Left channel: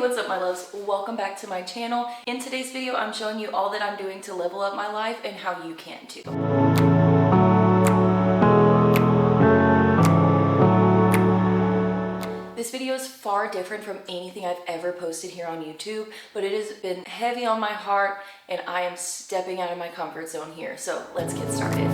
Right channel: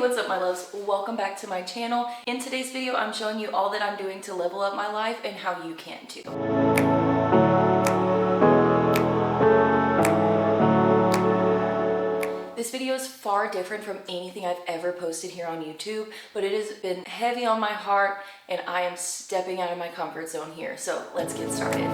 What's up my loves? Welcome back to my channel. In today's video, I'm showing you all that I'm doing to level up my life and how you can too. This video is far different from anything I've ever posted here on YouTube, but it has been heavy on my heart and I am stepping out of my comfort zone here. So let's get started.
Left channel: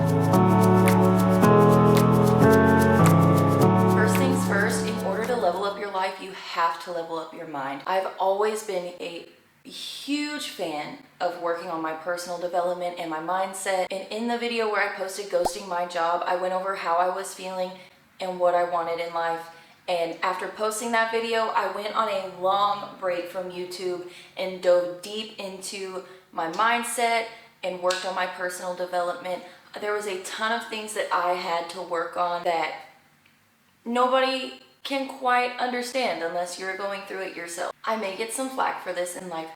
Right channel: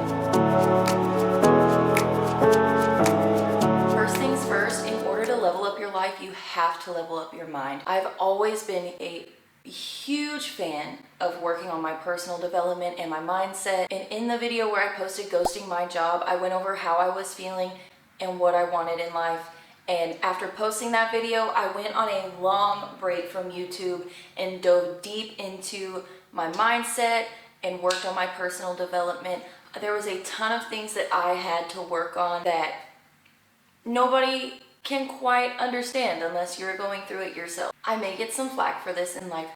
First things first, in order to level up your life, you have to level up your mind. I've always been a huge fan of working on my personal development and my mindset. And in the video where I posted ghosting my job, I went over how I was feeling and what I wanted in life. And after posting that video, I went on a long break from YouTube and dove deep into my mindset and worked on my personal development. There was a ton of things that I had to work on that nobody can quite understand unless you're going through it yourself. I may get some flack for this, and I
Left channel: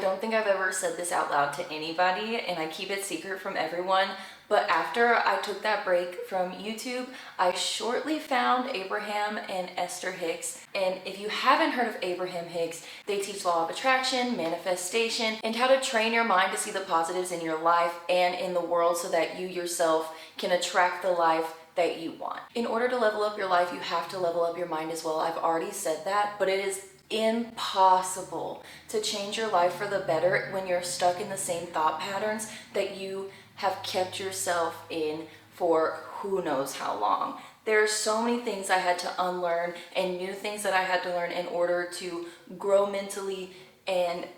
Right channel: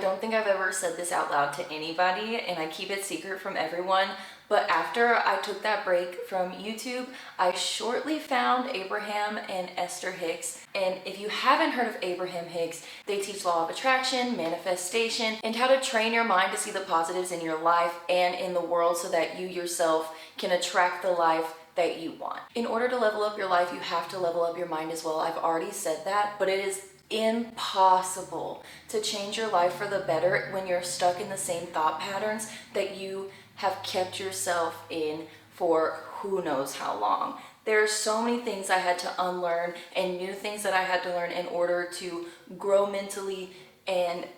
don't think I've ever said this out loud to anybody, and I keep it secret from everyone, but after I took that break from YouTube, I shortly found Abraham and Esther Hicks. And if you haven't heard of Abraham Hicks, they teach law of attraction, manifestation, and how to train your mind to see the positives in your life and in the world so that you yourself can attract the life that you want. In order to level up your life, you have to level up your mind as well. I've already said that, but it is impossible to change your life for the better when you're stuck in the same thought patterns that you have kept yourself in for who knows how long. There are so many things I had to unlearn and new things that I had to learn in order to grow mentally and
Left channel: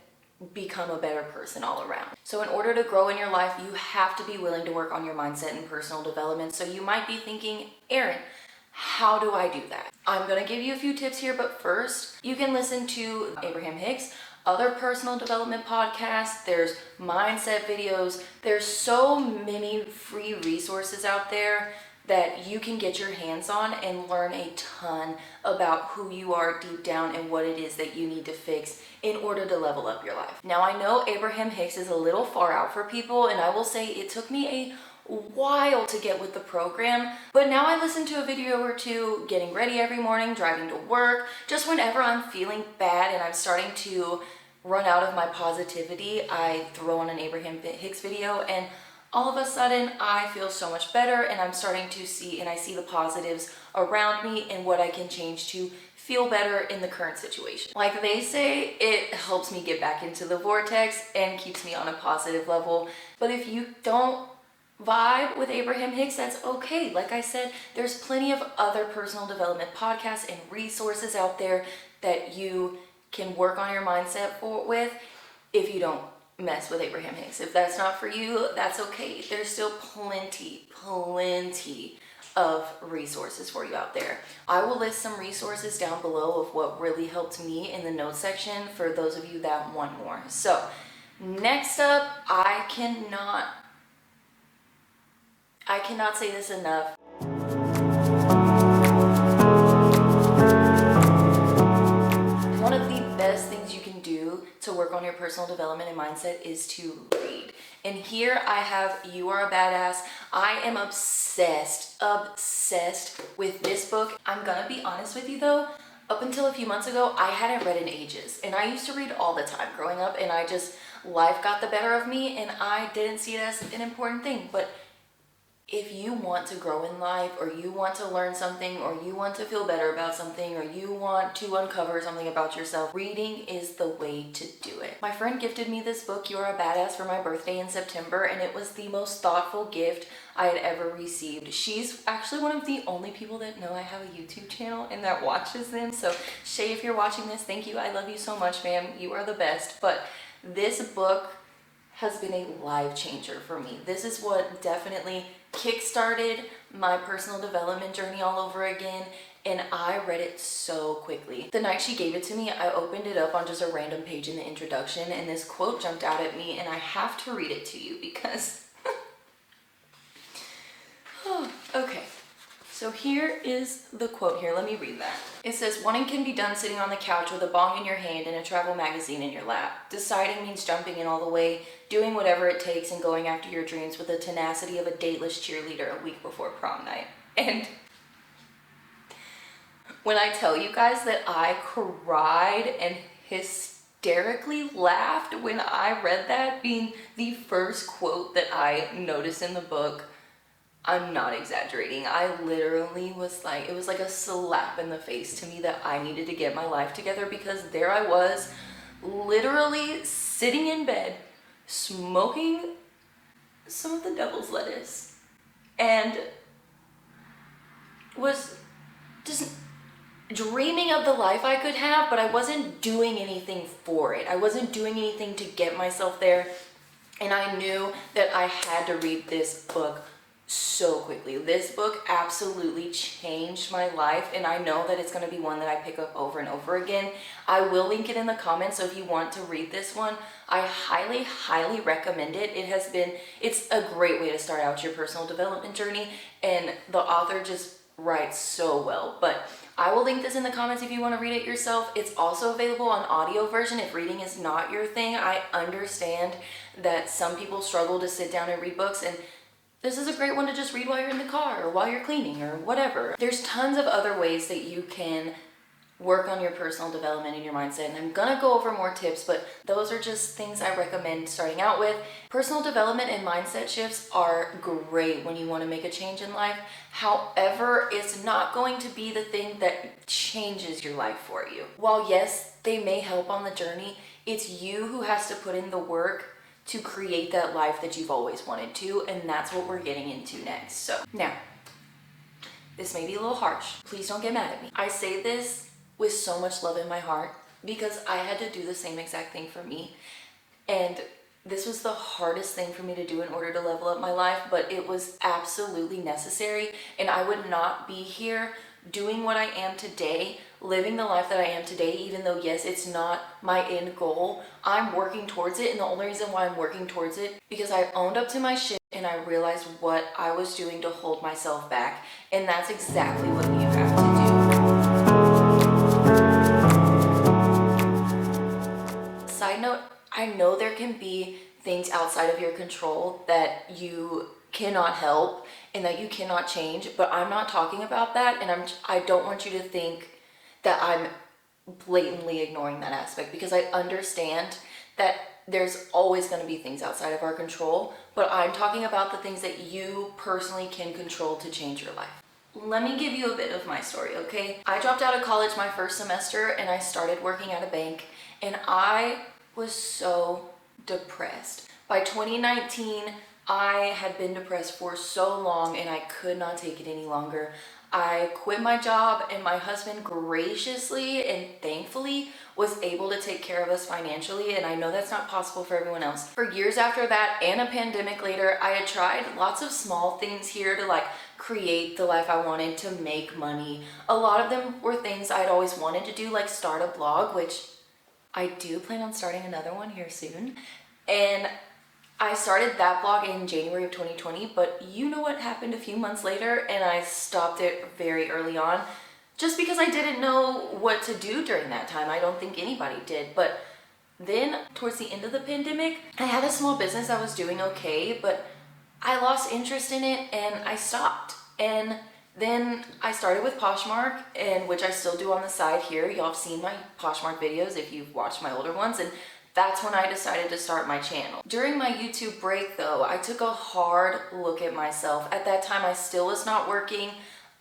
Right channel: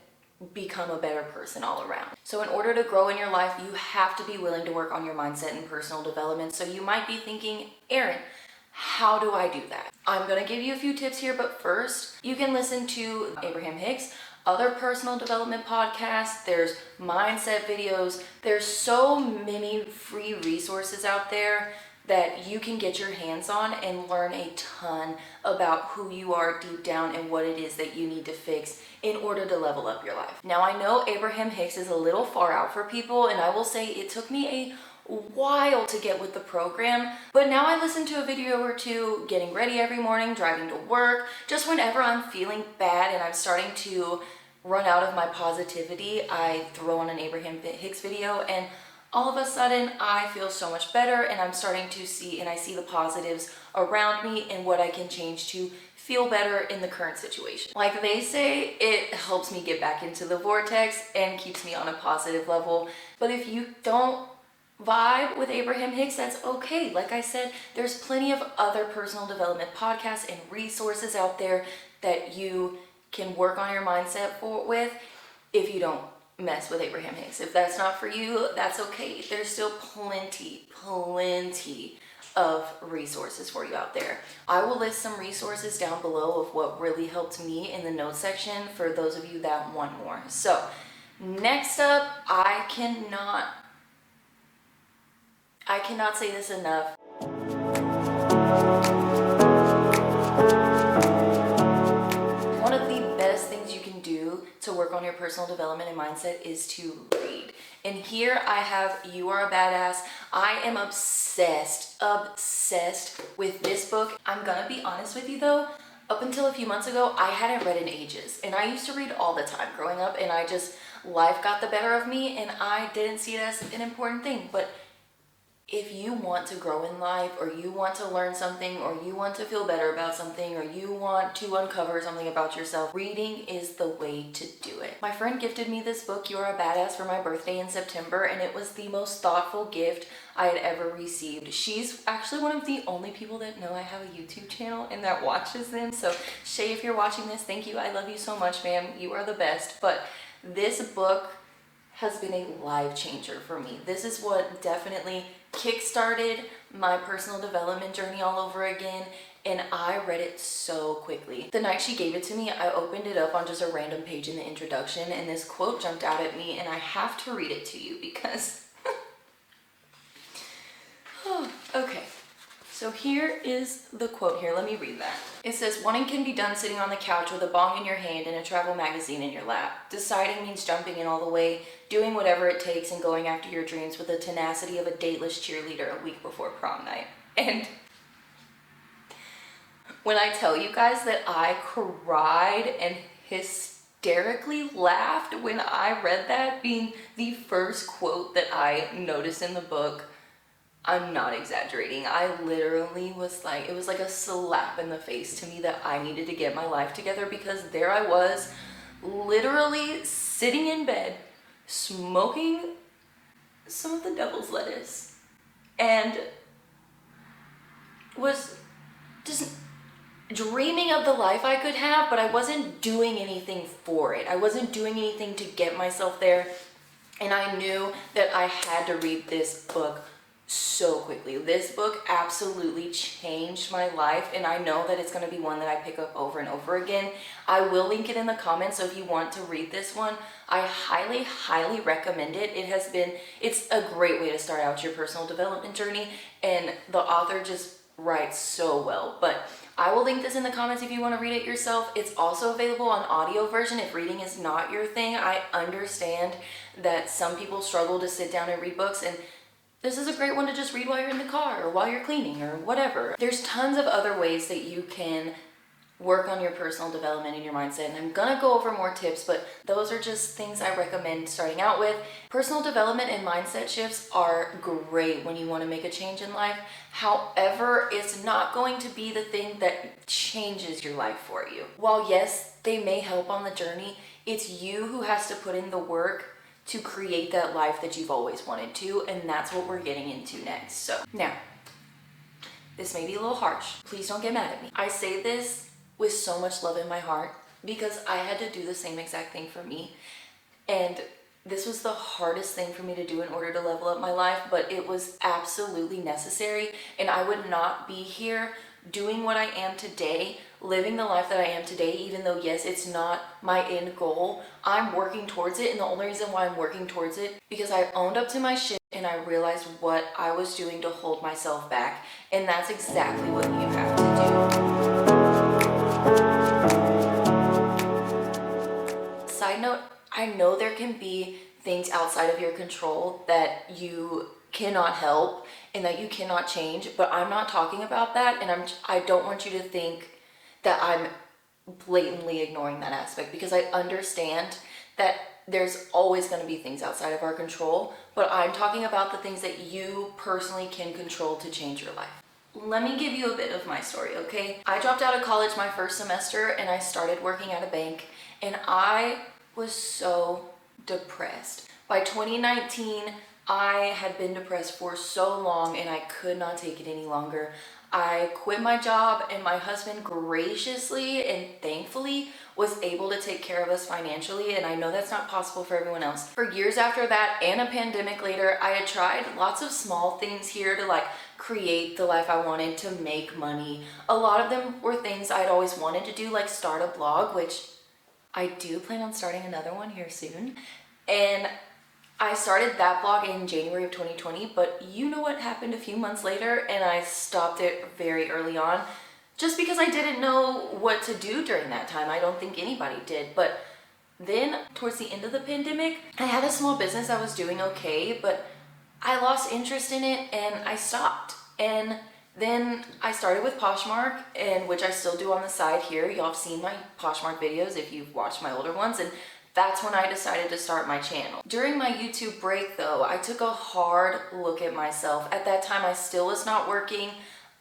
become a better person all around. So in order to grow in your life, you have to be willing to work on your mindset and personal development. So you might be thinking, Erin, how do I do that? I'm going to give you a few tips here, but first, you can listen to Abraham Hicks, other personal development podcasts, there's mindset videos. There's so many free resources out there that you can get your hands on and learn a ton about who you are deep down and what it is that you need to fix in order to level up your life. Now, I know Abraham Hicks is a little far out for people, and I will say it took me a while to get with the program, but now I listen to a video or two getting ready every morning, driving to work, just whenever I'm feeling bad and I'm starting to run out of my positivity, I throw on an Abraham Hicks video and all of a sudden I feel so much better and I'm starting to see and I see the positives around me and what I can change to feel better in the current situation. Like they say, it helps me get back into the vortex and keeps me on a positive level. But if you don't vibe with Abraham Hicks, that's okay. Like I said, there's plenty of other personal development podcasts and resources out there that you can work on your mindset with if you don't mess with Abraham Hicks. If that's not for you, that's okay. There's still plenty of resources for you out there. I will list some resources down below of what really helped me in the notes section for those of you that want more. So next up, I cannot say this enough. One of the best things you can do to work on your personal development and mindset is to read. And here I have You Are a Badass. I am obsessed with this book. I'm gonna be honest with you though, up until a few months ago, I hadn't read in ages. And I used to read all the time growing up, and life got the better of me and I didn't see it as an important thing. But if you want to grow in life, or you want to learn something, or you want to feel better about something, or you want to uncover something about yourself, reading is the way to do it. My friend gifted me this book, You Are a Badass, for my birthday in September, and it was the most thoughtful gift I had ever received. She's actually one of the only people that know I have a YouTube channel and that watches them. So Shay, if you're watching this, thank you. I love you so much, ma'am. You are the best. But this book has been a life changer for me. This is what definitely kickstarted my personal development journey all over again, and I read it so quickly. The night she gave it to me, I opened it up on just a random page in the introduction, and this quote jumped out at me, and I have to read it to you because okay, so here is the quote here. Let me read that. It says, "Wanting can be done sitting on the couch with a bong in your hand and a travel magazine in your lap. Deciding means jumping in all the way, doing whatever it takes and going after your dreams with the tenacity of a dateless cheerleader a week before prom night." And when I tell you guys that I cried and hysterically laughed when I read that, being the first quote that I noticed in the book. I'm not exaggerating. I literally was like, it was like a slap in the face to me that I needed to get my life together, because there I was, literally sitting in bed, smoking some of the devil's lettuce, and was just dreaming of the life I could have, but I wasn't doing anything for it. I wasn't doing anything to get myself there, and I knew that I had to read this book so quickly. This book absolutely changed my life, and I know that it's going to be one that I pick up over and over again. I will link it in the comments, so if you want to read this one, I highly, highly recommend it. It's a great way to start out your personal development journey, and the author just writes so well. But I will link this in the comments if you want to read it yourself. It's also available on audio version if reading is not your thing. I understand that some people struggle to sit down and read books, and this is a great one to just read while you're in the car or while you're cleaning or whatever. There's tons of other ways that you can work on your personal development and your mindset, and I'm gonna go over more tips, but those are just things I recommend starting out with. Personal development and mindset shifts are great when you want to make a change in life. However, it's not going to be the thing that changes your life for you. While yes, they may help on the journey, it's you who has to put in the work to create that life that you've always wanted to, and that's what we're getting into next. So now, this may be a little harsh. Please don't get mad at me. I say this with so much love in my heart because I had to do the same exact thing for me, and this was the hardest thing for me to do in order to level up my life, but it was absolutely necessary, and I would not be here doing what I am today, living the life that I am today, even though yes, it's not my end goal. I'm working towards it, and the only reason why I'm working towards it because I owned up to my shit and I realized what I was doing to hold myself back, and that's exactly what you have to do. Side note, I know there can be things outside of your control that you cannot help and that you cannot change, but I'm not talking about that, and I don't want you to think that I'm blatantly ignoring that aspect, because I understand that there's always going to be things outside of our control, but I'm talking about the things that you personally can control to change your life. Let me give you a bit of my story, okay? I dropped out of college my first semester and I started working at a bank, and I was so depressed. By 2019, I had been depressed for so long and I could not take it any longer. I quit my job, and my husband graciously and thankfully was able to take care of us financially, and I know that's not possible for everyone else. For years after that, and a pandemic later, I had tried lots of small things here to like create the life I wanted, to make money. A lot of them were things I'd always wanted to do, like start a blog, which I do plan on starting another one here soon. And I started that blog in January of 2020, but you know what happened a few months later, and I stopped it very early on just because I didn't know what to do during that time. I don't think anybody did. But then towards the end of the pandemic, I had a small business that was doing okay, but I lost interest in it and I stopped. And then I started with Poshmark, and which I still do on the side here. Y'all have seen my Poshmark videos if you've watched my older ones, and that's when I decided to start my channel. During my YouTube break though, I took a hard look at myself. At that time, I still was not working.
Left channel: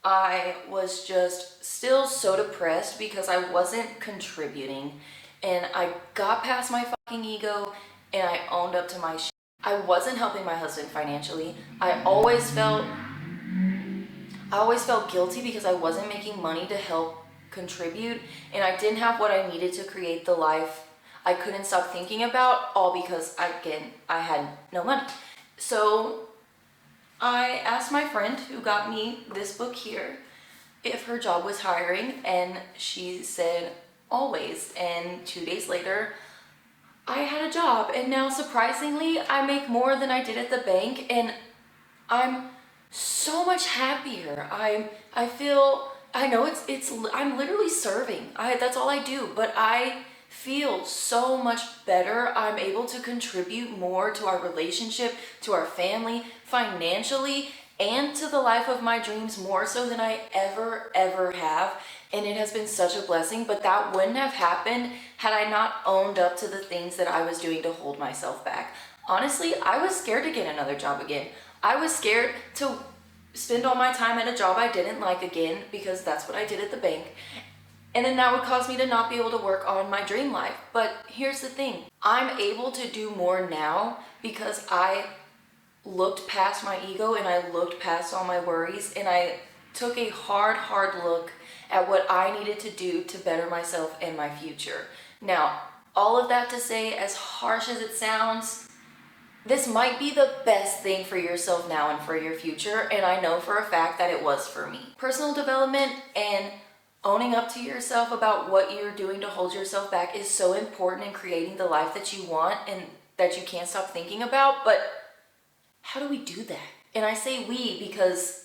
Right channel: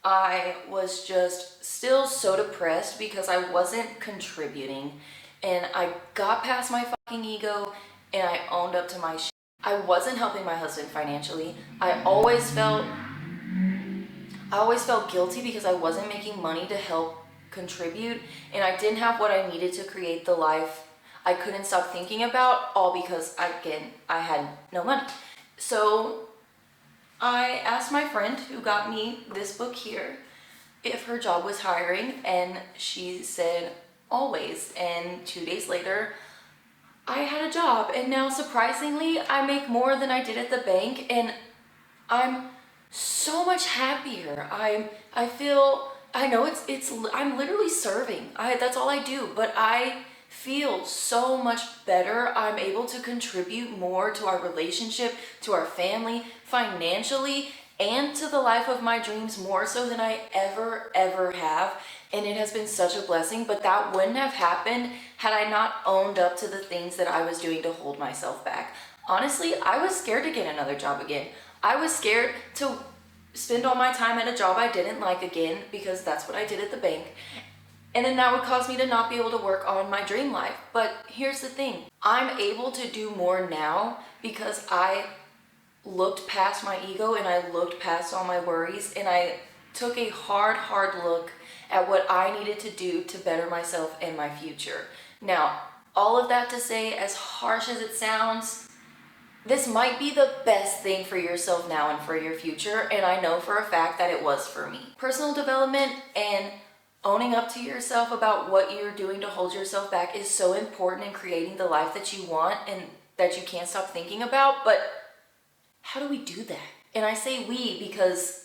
I was just still so depressed because I wasn't contributing, and I got past my fucking ego and I owned up to my shit. I wasn't helping my husband financially. I always felt guilty because I wasn't making money to help contribute, and I didn't have what I needed to create the life I couldn't stop thinking about, all because, again, I had no money. So I asked my friend who got me this book here if her job was hiring, and she said always. And 2 days later, I had a job, and now surprisingly, I make more than I did at the bank, and I'm so much happier. I feel, I know I'm literally serving. That's all I do, but I feel so much better. I'm able to contribute more to our relationship, to our family, financially, and to the life of my dreams more so than I ever have. And it has been such a blessing, but that wouldn't have happened had I not owned up to the things that I was doing to hold myself back. Honestly, I was scared to get another job again. I was scared to spend all my time at a job I didn't like again, because that's what I did at the bank. And then that would cause me to not be able to work on my dream life. But here's the thing. I'm able to do more now because I looked past my ego and I looked past all my worries, and I took a hard look at what I needed to do to better myself and my future. Now, all of that to say, as harsh as it sounds, this might be the best thing for yourself now and for your future, and I know for a fact that it was for me. Personal development and owning up to yourself about what you're doing to hold yourself back is so important in creating the life that you want and that you can't stop thinking about, but how do we do that? And I say we because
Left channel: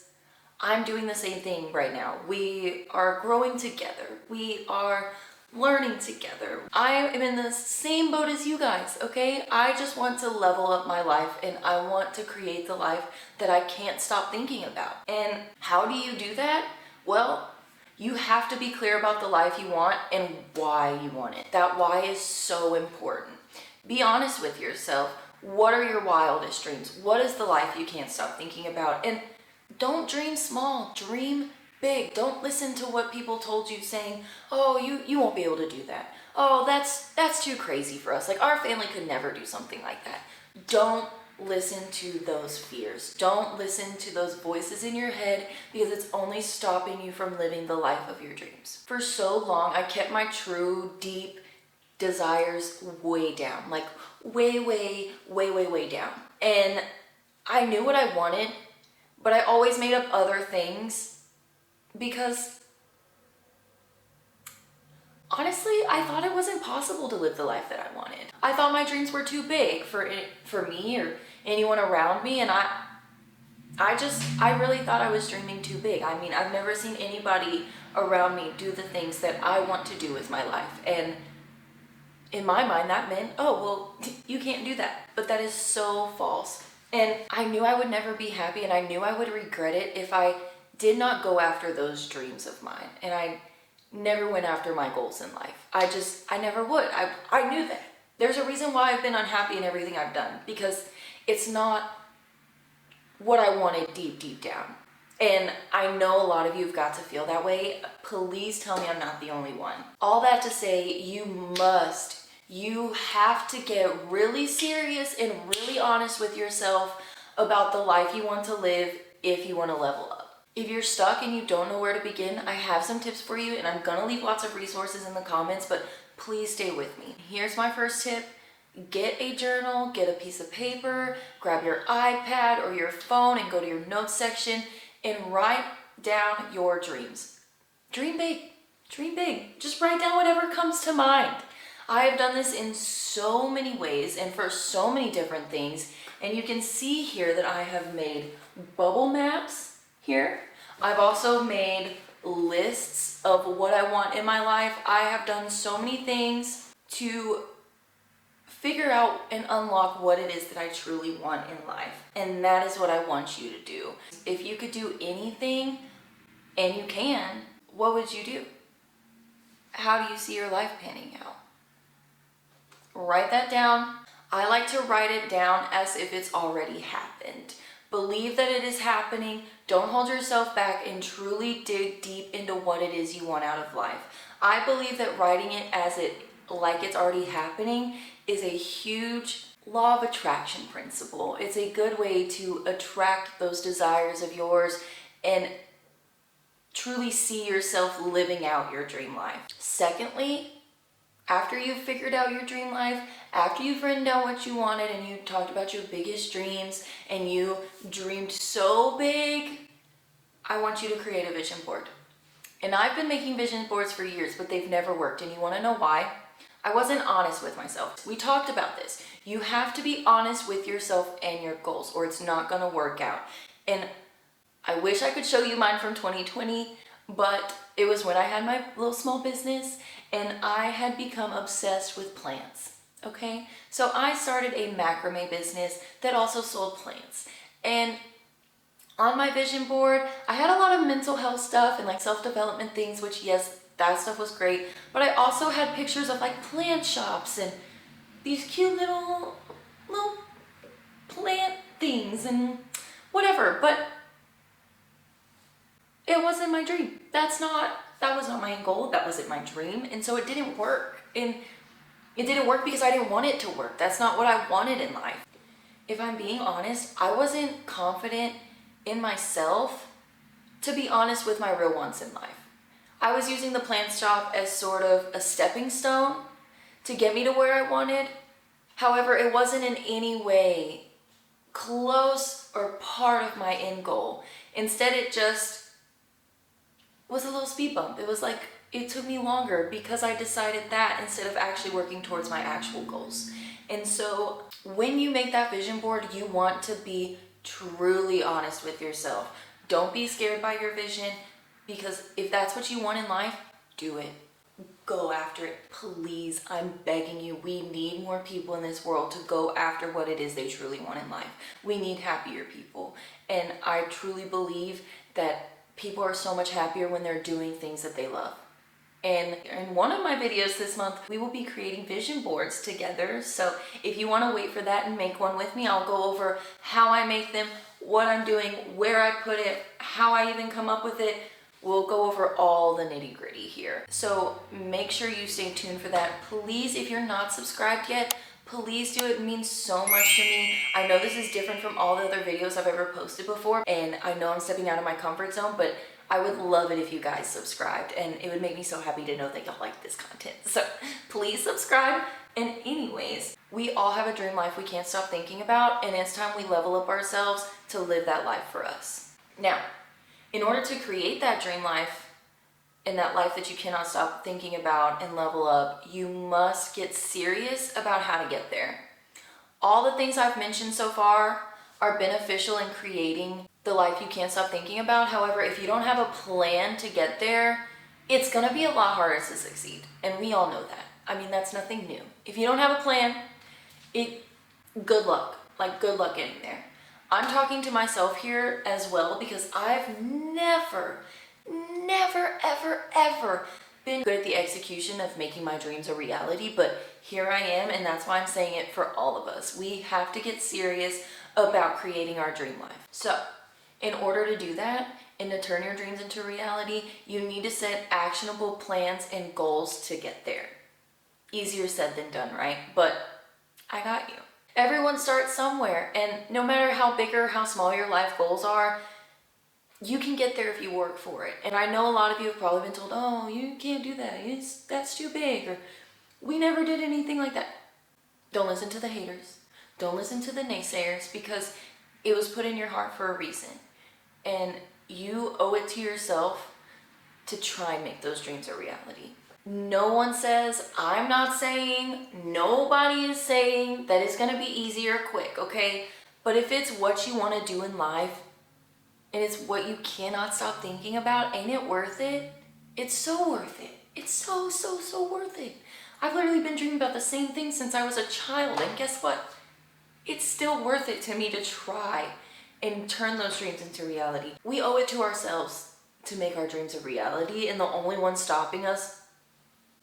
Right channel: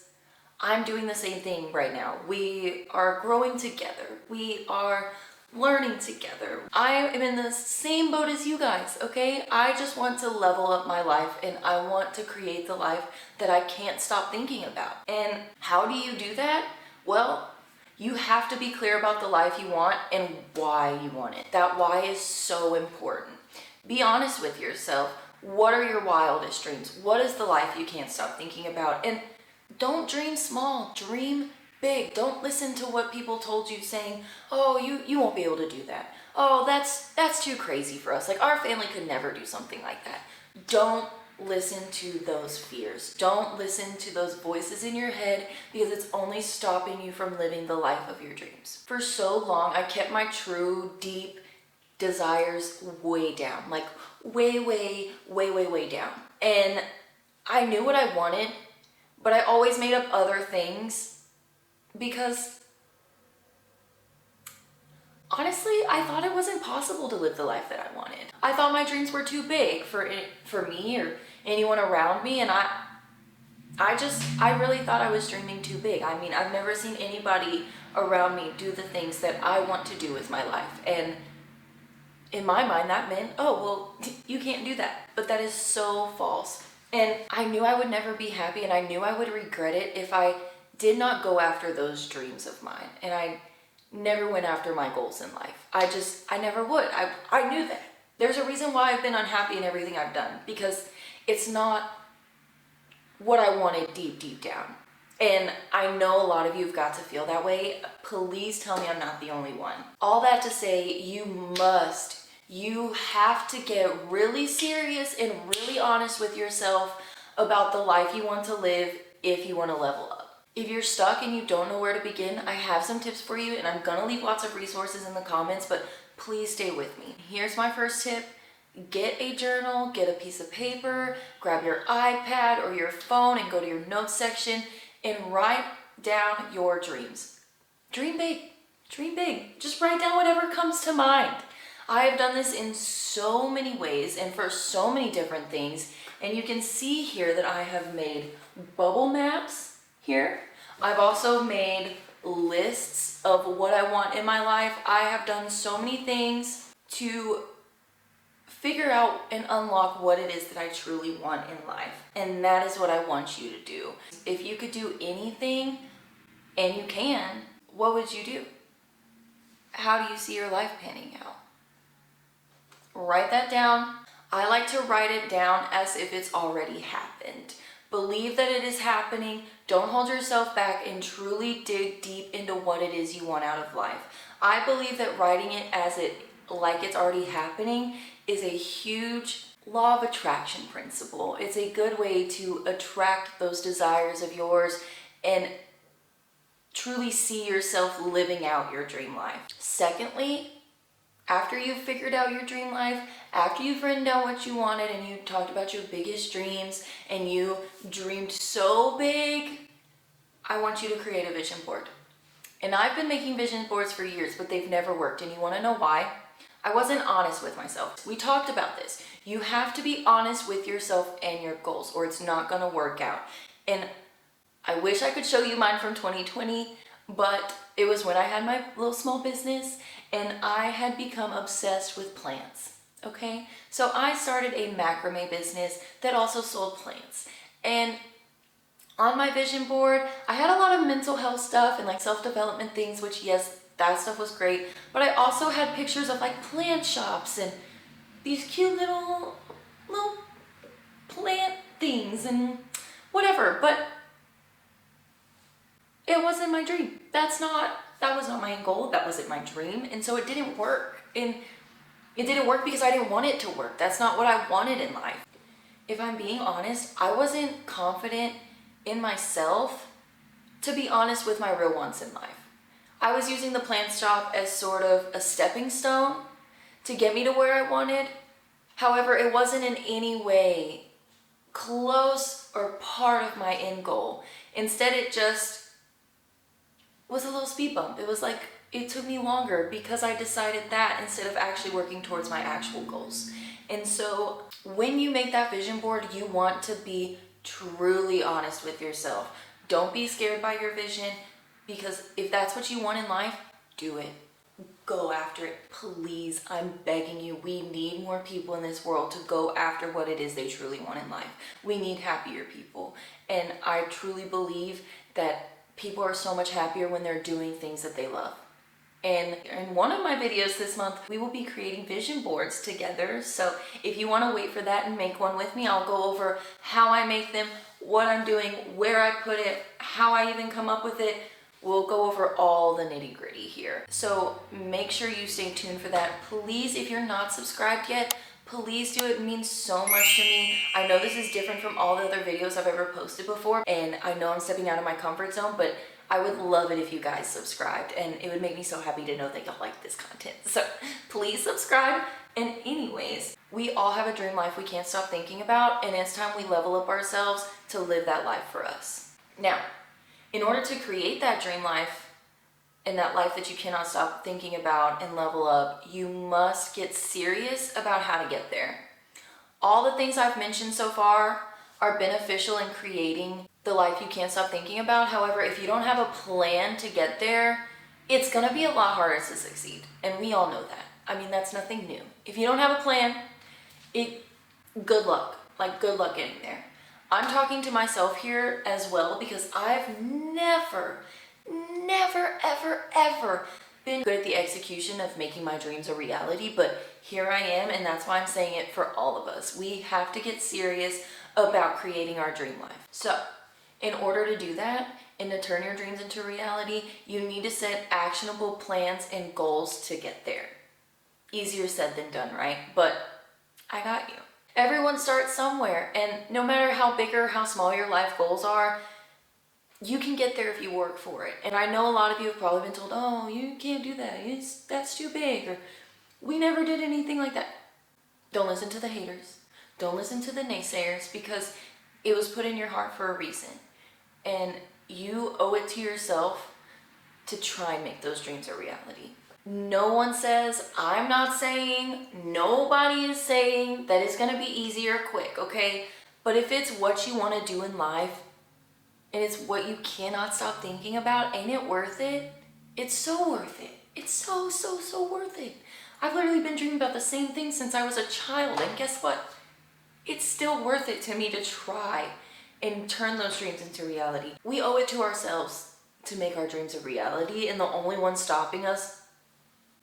I'm doing the same thing right now. We are growing together. We are learning together. I am in the same boat as you guys, okay? I just want to level up my life, and I want to create the life that I can't stop thinking about. And how do you do that? Well, you have to be clear about the life you want and why you want it. That why is so important. Be honest with yourself. What are your wildest dreams? What is the life you can't stop thinking about? And don't dream small, dream big. Don't listen to what people told you saying, oh, you won't be able to do that. Oh, that's too crazy for us. Like, our family could never do something like that. Don't listen to those fears. Don't listen to those voices in your head, because it's only stopping you from living the life of your dreams. For so long, I kept my true, deep desires way down. Like, way down. And I knew what I wanted, but I always made up other things because honestly, I thought it wasn't possible to live the life that I wanted. I thought my dreams were too big for me or anyone around me, and I really thought I was dreaming too big. I mean, I've never seen anybody around me do the things that I want to do with my life. And in my mind, that meant, oh, well, you can't do that. But that is so false. And I knew I would never be happy, and I knew I would regret it if I did not go after those dreams of mine. And I never went after my goals in life. I never would. I knew that. There's a reason why I've been unhappy in everything I've done, because it's not what I wanted deep down. And I know a lot of you have got to feel that way. Please tell me I'm not the only one. All that to say, you have to get really serious and really honest with yourself about the life you want to live if you want to level up. If you're stuck and you don't know where to begin, I have some tips for you, and I'm gonna leave lots of resources in the comments, but please stay with me. Here's my first tip. Get a journal, get a piece of paper, grab your iPad or your phone and go to your notes section and write down your dreams. Dream big. Dream big. Just write down whatever comes to mind. I've done this in so many ways and for so many different things, and you can see here that I have made bubble maps here. I've also made lists of what I want in my life. I have done so many things to figure out and unlock what it is that I truly want in life. And that is what I want you to do. If you could do anything, and you can, what would you do? How do you see your life panning out? Write that down. I like to write it down as if it's already happened. Believe that it is happening. Don't hold yourself back, and truly dig deep into what it is you want out of life. I believe that writing it like it's already happening is a huge law of attraction principle. It's a good way to attract those desires of yours and truly see yourself living out your dream life. Secondly, after you've figured out your dream life, after you've written down what you wanted and you talked about your biggest dreams and you dreamed so big, I want you to create a vision board. And I've been making vision boards for years, but they've never worked. And you want to know why? I wasn't honest with myself. We talked about this. You have to be honest with yourself and your goals, or it's not going to work out. And I wish I could show you mine from 2020, but it was when I had my little small business and I had become obsessed with plants, okay? So I started a macrame business that also sold plants. And on my vision board, I had a lot of mental health stuff and like self-development things, which yes, that stuff was great. But I also had pictures of like plant shops and these cute little plant things and whatever. But it wasn't my dream. That was not my goal. That wasn't my dream. And so it didn't work. And it didn't work because I didn't want it to work. That's not what I wanted in life. If I'm being honest, I wasn't confident in myself to be honest with my real wants in life. I was using the plant shop as sort of a stepping stone to get me to where I wanted. However, it wasn't in any way close or part of my end goal. Instead, it just was a little speed bump. It was like, it took me longer because I decided that instead of actually working towards my actual goals. And so when you make that vision board, you want to be truly honest with yourself. Don't be scared by your vision, because if that's what you want in life, do it. Go after it. Please, I'm begging you. We need more people in this world to go after what it is they truly want in life. We need happier people. And I truly believe that people are so much happier when they're doing things that they love. And in one of my videos this month, we will be creating vision boards together. So if you want to wait for that and make one with me, I'll go over how I make them, what I'm doing, where I put it, how I even come up with it. We'll go over all the nitty gritty here. So make sure you stay tuned for that. Please, if you're not subscribed yet, please do it. It means so much to me. I know this is different from all the other videos I've ever posted before, and I know I'm stepping out of my comfort zone, but I would love it if you guys subscribed, and it would make me so happy to know that y'all like this content. So please subscribe. And anyways, we all have a dream life we can't stop thinking about, and it's time we level up ourselves to live that life for us. Now, in order to create that dream life and that life that you cannot stop thinking about and level up, you must get serious about how to get there. All the things I've mentioned so far are beneficial in creating the life you can't stop thinking about. However, if you don't have a plan to get there, it's going to be a lot harder to succeed. And we all know that. I mean, that's nothing new. If you don't have a plan, good luck. Like, good luck getting there. I'm talking to myself here as well because I've never, ever been good at the execution of making my dreams a reality, but here I am, and that's why I'm saying it for all of us. We have to get serious about creating our dream life. So, in order to do that and to turn your dreams into reality, you need to set actionable plans and goals to get there. Easier said than done, right? But I got you. Everyone starts somewhere, and no matter how big or how small your life goals are, you can get there if you work for it. And I know a lot of you have probably been told, oh, you can't do that. That's too big, or we never did anything like that. Don't listen to the haters. Don't listen to the naysayers, because it was put in your heart for a reason. And you owe it to yourself to try and make those dreams a reality. No one says, I'm not saying, nobody is saying that it's going to be easy or quick, okay? But if it's what you want to do in life, and it's what you cannot stop thinking about, ain't it worth it? It's so worth it. It's so worth it. I've literally been dreaming about the same thing since I was a child, and guess what? It's still worth it to me to try and turn those dreams into reality. We owe it to ourselves to make our dreams a reality, and the only one stopping us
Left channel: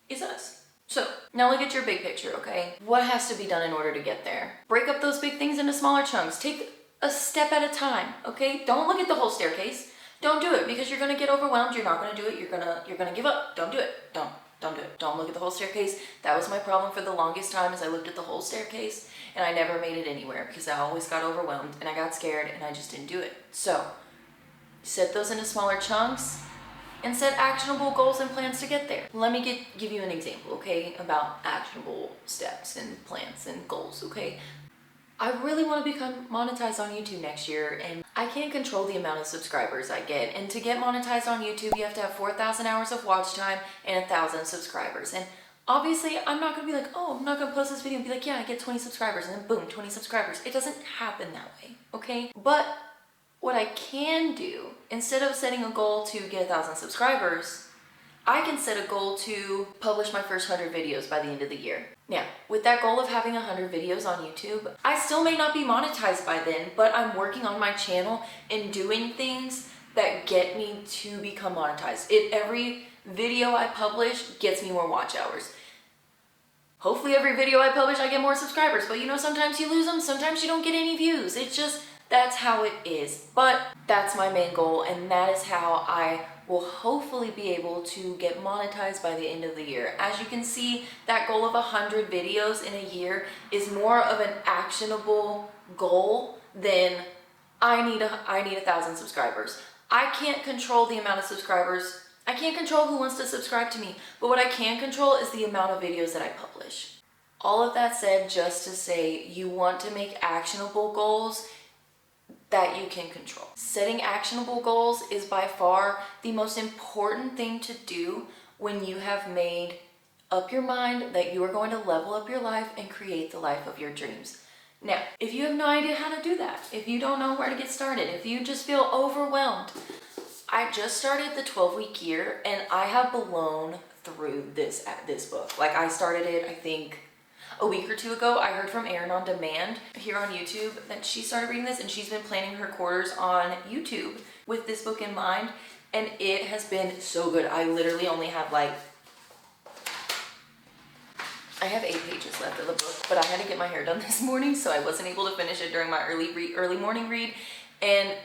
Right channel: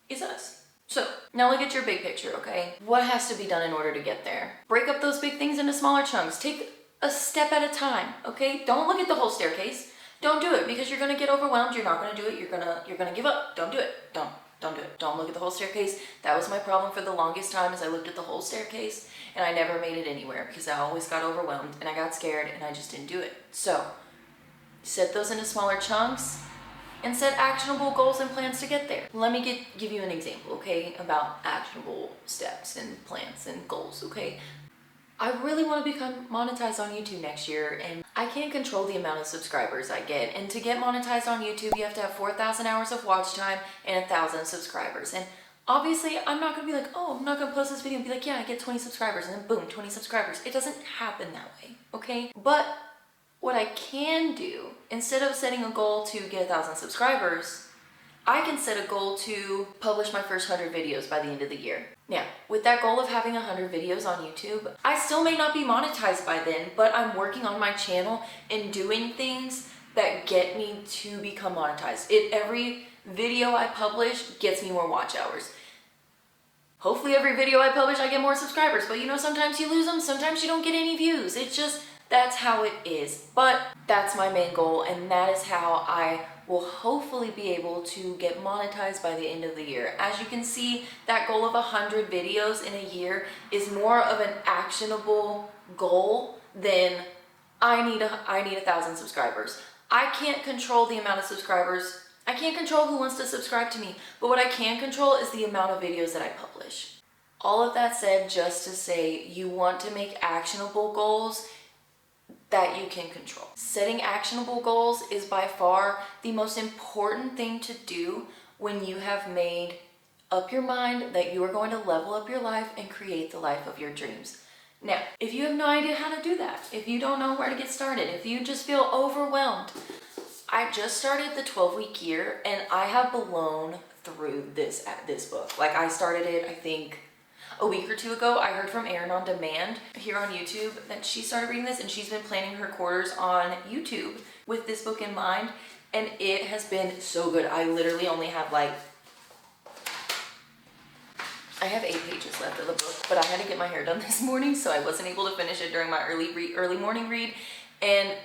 is us. So, now look at your big picture, okay? What has to be done in order to get there? Break up those big things into smaller chunks. Take a step at a time, okay? Don't look at the whole staircase. Don't do it, because you're gonna get overwhelmed. You're not gonna do it. You're gonna give up. Don't do it. Don't do it. Don't look at the whole staircase. That was my problem for the longest time, is I looked at the whole staircase and I never made it anywhere because I always got overwhelmed and I got scared and I just didn't do it. So, set those into smaller chunks and set actionable goals and plans to get there. Let me give you an example, okay, about actionable steps and plans and goals, okay? I really want to become monetized on YouTube next year, and I can't control the amount of subscribers I get. And to get monetized on YouTube, you have to have 4,000 hours of watch time and 1,000 subscribers. And obviously, I'm not going to be like, oh, I'm not going to post this video and be like, yeah, I get 20 subscribers, and then boom, 20 subscribers. It doesn't happen that way, okay? But what I can do, instead of setting a goal to get 1,000 subscribers, I can set a goal to publish my first 100 videos by the end of the year. Now, with that goal of having 100 videos on YouTube, I still may not be monetized by then, but I'm working on my channel and doing things that get me to become monetized. If every video I publish gets me more watch hours. Hopefully every video I publish I get more subscribers, but you know, sometimes you lose them, sometimes you don't get any views. It's just, that's how it is. But that's my main goal, and that is how I will hopefully be able to get monetized by the end of the year. As you can see, that goal of 100 videos in a year is more of an actionable goal than I need 1,000 subscribers. I can't control the amount of subscribers. I can't control who wants to subscribe to me, but what I can control is the amount of videos that I publish. All of that said, just to say, you want to make actionable goals that you can control. Setting actionable goals is by far the most important thing to do when you have made up your mind that you are going to level up your life and create the life of your dreams. Now, if you have no idea how to do that, if you don't know where to get started, if you just feel overwhelmed, I just started the 12-week year, and I have blown through this book. Like, I started it, I think, a week or two ago. I heard from Erin on demand here on YouTube that she started reading this, and she's been planning her quarters on YouTube with this book in mind, and it has been so good. I literally only have I have 8 pages left of the book, but I had to get my hair done this morning, so I wasn't able to finish it during my early morning read. And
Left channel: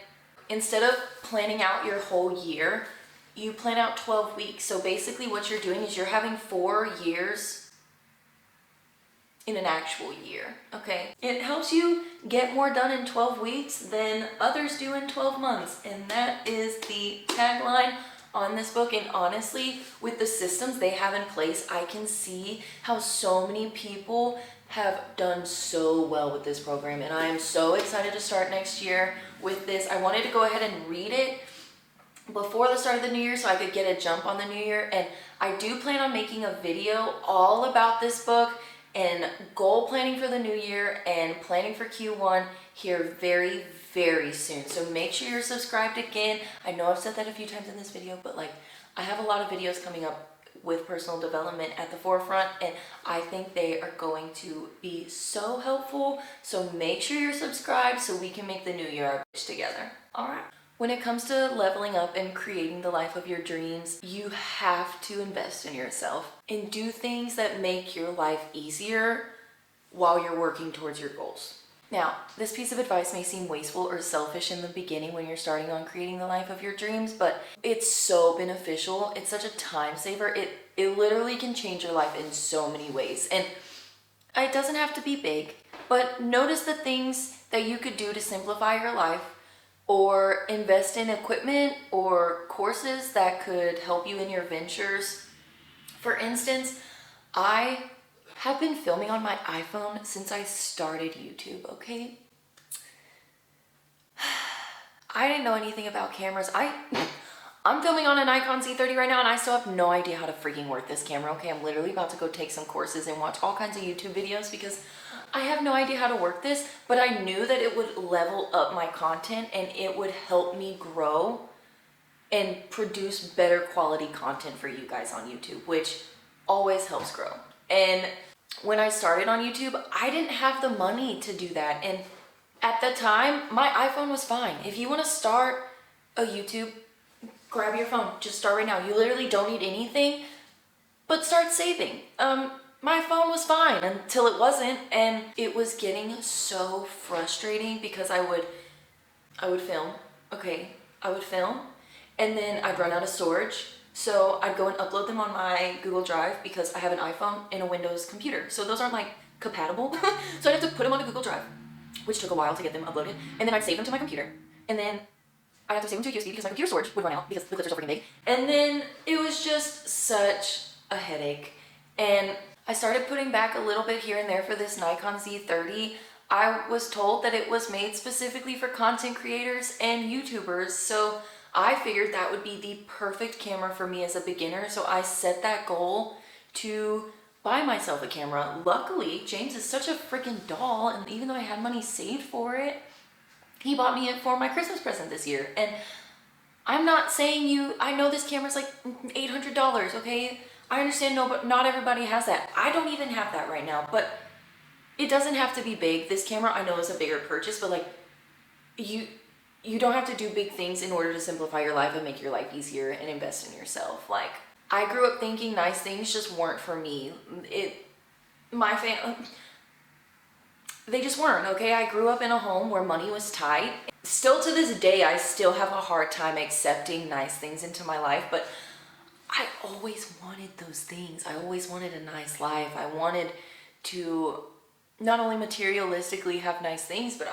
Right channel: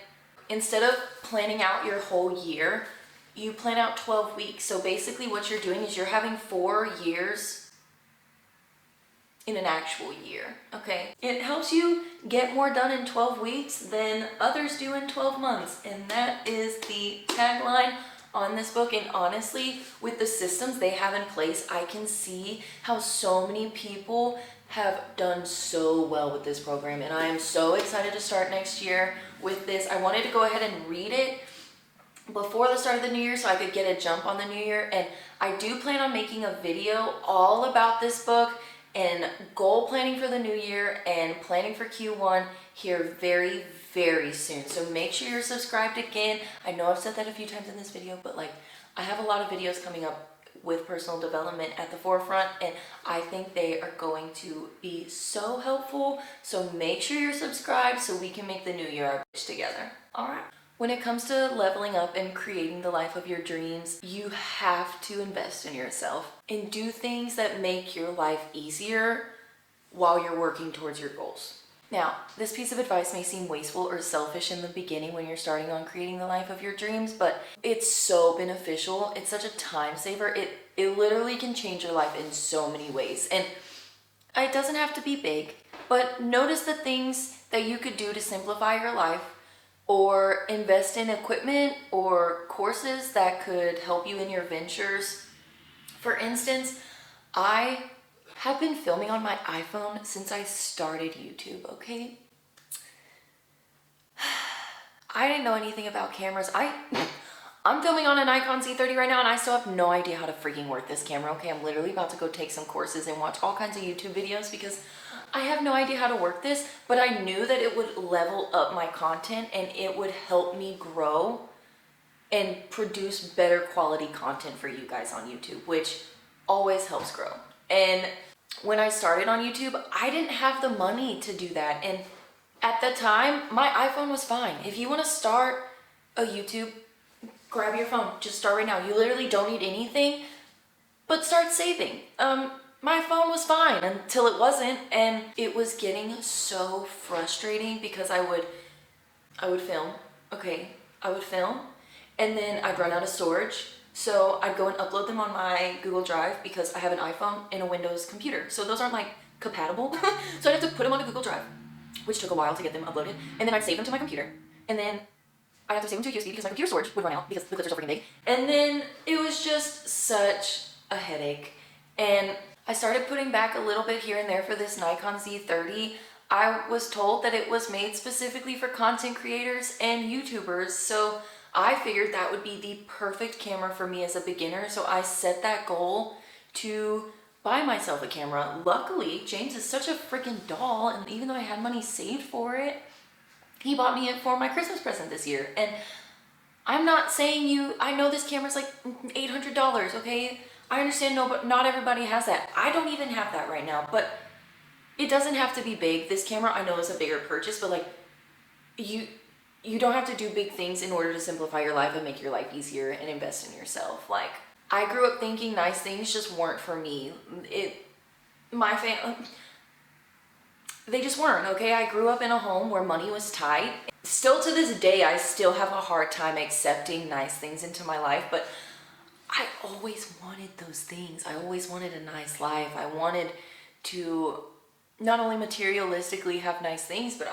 instead of planning out your whole year, you plan out 12 weeks. So basically what you're doing is you're having 4 years in an actual year, okay? It helps you get more done in 12 weeks than others do in 12 months. And that is the tagline on this book. And honestly, with the systems they have in place, I can see how so many people have done so well with this program, and I am so excited to start next year with this. I wanted to go ahead and read it before the start of the new year so I could get a jump on the new year, and I do plan on making a video all about this book and goal planning for the new year and planning for Q1 here very, very soon. So make sure you're subscribed again. I know I've said that a few times in this video, but like, I have a lot of videos coming up with personal development at the forefront, and I think they are going to be so helpful. So make sure you're subscribed so we can make the new year together. All right. When it comes to leveling up and creating the life of your dreams, you have to invest in yourself and do things that make your life easier while you're working towards your goals. Now, this piece of advice may seem wasteful or selfish in the beginning when you're starting on creating the life of your dreams, but it's so beneficial. It's such a time saver. It literally can change your life in so many ways. And it doesn't have to be big, but notice the things that you could do to simplify your life, or invest in equipment or courses that could help you in your ventures. For instance, I have been filming on my iPhone since I started YouTube, okay? I didn't know anything about cameras. I'm filming on a Nikon Z30 right now, and I still have no idea how to freaking work this camera, okay? I'm literally about to go take some courses and watch all kinds of YouTube videos because I have no idea how to work this, but I knew that it would level up my content and it would help me grow and produce better quality content for you guys on YouTube, which always helps grow. And when I started on YouTube, I didn't have the money to do that. And at the time, my iPhone was fine. If you want to start a YouTube, grab your phone. Just start right now. You literally don't need anything, but start saving. My phone was fine until it wasn't, and it was getting so frustrating because I would film, okay? I would film, and then I'd run out of storage. So I'd go and upload them on my Google Drive because I have an iPhone and a Windows computer. So those aren't like compatible. So I'd have to put them on the Google Drive, which took a while to get them uploaded. And then I'd save them to my computer. And then I'd have to save them to a USB because my computer storage would run out because the clips are so freaking big. And then it was just such a headache. And I started putting back a little bit here and there for this Nikon Z30. I was told that it was made specifically for content creators and YouTubers. So I figured that would be the perfect camera for me as a beginner, so I set that goal to buy myself a camera. Luckily, James is such a freaking doll, and even though I had money saved for it, he bought me it for my Christmas present this year. And I'm not saying I know this camera's like $800, okay? I understand, no, but not everybody has that. I don't even have that right now, but it doesn't have to be big. This camera, I know, is a bigger purchase, but like, you don't have to do big things in order to simplify your life and make your life easier and invest in yourself. Like, I grew up thinking nice things just weren't for me. My family, they just weren't, okay? I grew up in a home where money was tight. Still to this day, I still have a hard time accepting nice things into my life, but I always wanted those things. I always wanted a nice life. I wanted to not only materialistically have nice things, but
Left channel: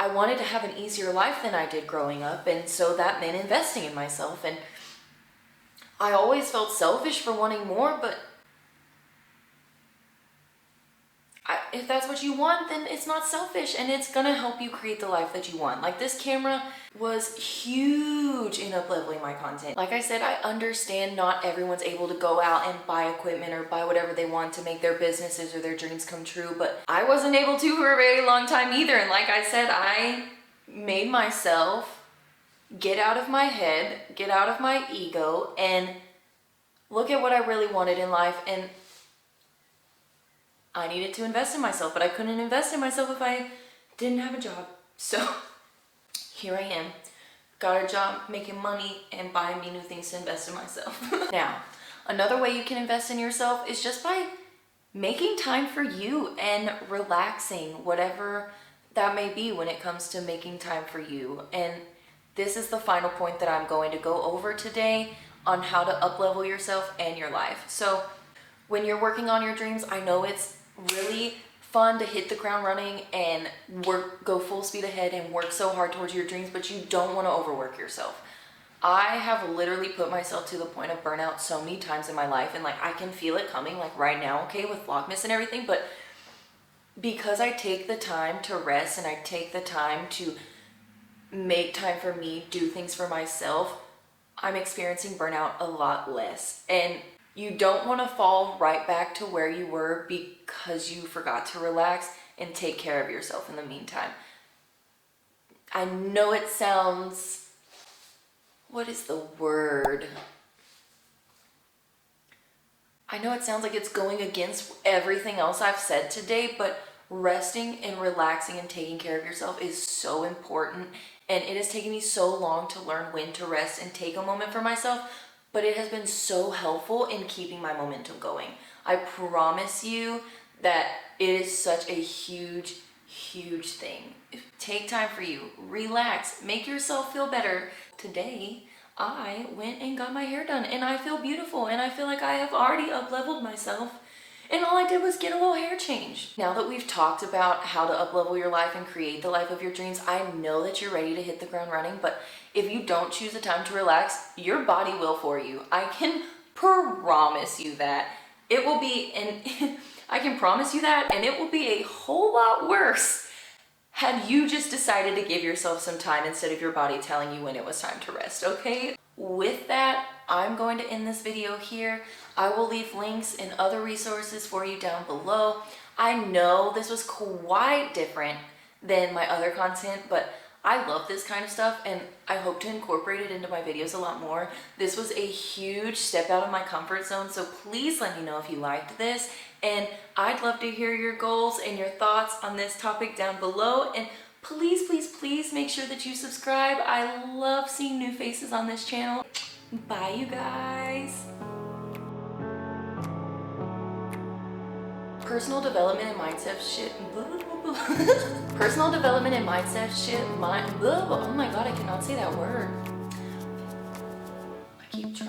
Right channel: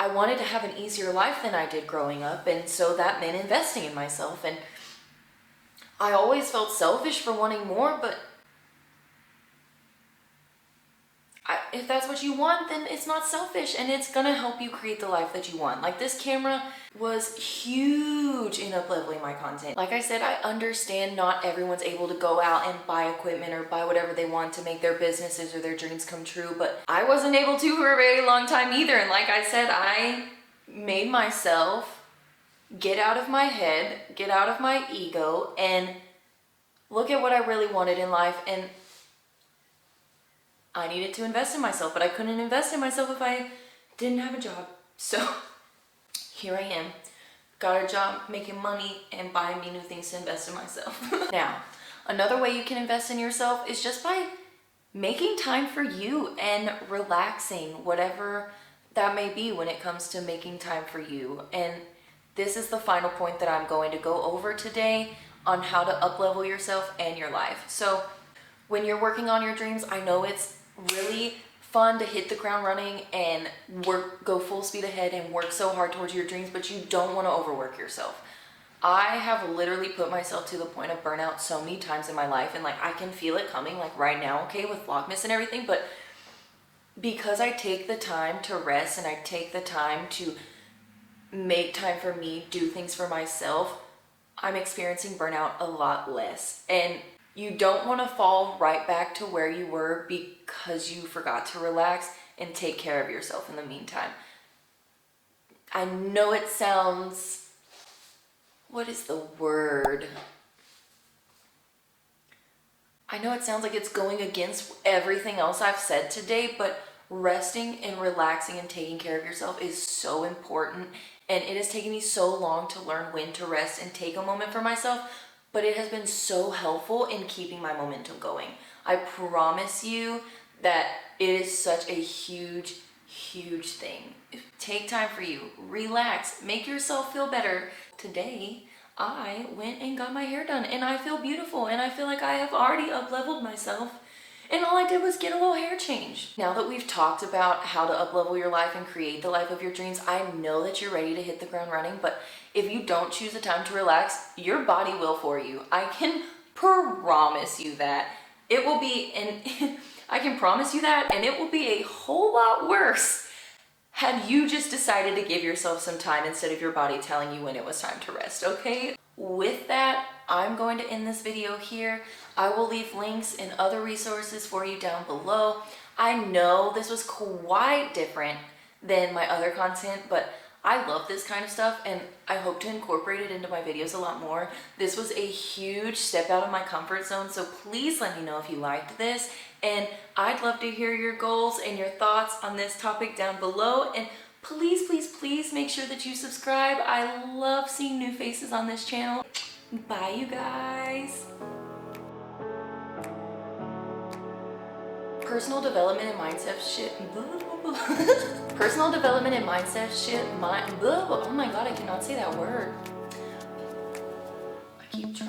I wanted to have an easier life than I did growing up, and so that meant investing in myself. And I always felt selfish for wanting more, but if that's what you want, then it's not selfish, and it's gonna help you create the life that you want. Like, this camera was huge in up-leveling my content. Like I said, I understand not everyone's able to go out and buy equipment or buy whatever they want to make their businesses or their dreams come true, but I wasn't able to for a very long time either. And like I said, I made myself get out of my head, get out of my ego, and look at what I really wanted in life. And I needed to invest in myself, but I couldn't invest in myself if I didn't have a job. So here I am. Got a job, making money, and buying me new things to invest in myself. Now, another way you can invest in yourself is just by making time for you and relaxing, whatever that may be when it comes to making time for you. And this is the final point that I'm going to go over today on how to up-level yourself and your life. So when you're working on your dreams, I know it's really fun to hit the ground running and go full speed ahead and work so hard towards your dreams, but you don't want to overwork yourself. I have literally put myself to the point of burnout so many times in my life, and like, I can feel it coming like right now, okay, with Vlogmas and everything, but because I take the time to rest and I take the time to make time for me, do things for myself, I'm experiencing burnout a lot less. And you don't want to fall right back to where you were because you forgot to relax and take care of yourself in the meantime. I know it sounds, what is the word? I know it sounds like it's going against everything else I've said today, but resting and relaxing and taking care of yourself is so important. And it has taken me so long to learn when to rest and take a moment for myself, but it has been so helpful in keeping my momentum going. I promise you that it is such a huge, huge thing. Take time for you, relax, make yourself feel better. Today, I went and got my hair done, and I feel beautiful, and I feel like I have already up-leveled myself, and all I did was get a little hair change. Now that we've talked about how to up-level your life and create the life of your dreams, I know that you're ready to hit the ground running, but if you don't choose the time to relax, your body will for you. I can promise you that. It will be, and I can promise you that, and it will be a whole lot worse had you just decided to give yourself some time instead of your body telling you when it was time to rest, okay? With that, I'm going to end this video here. I will leave links and other resources for you down below. I know this was quite different than my other content, but I love this kind of stuff, and I hope to incorporate it into my videos a lot more. This was a huge step out of my comfort zone, so please let me know if you liked this, and I'd love to hear your goals and your thoughts on this topic down below, and please, please, please make sure that you subscribe. I love seeing new faces on this channel. Bye, you guys. Personal development and mindset shit. Personal development and mindset shit. Oh my god, I cannot say that word. I keep trying.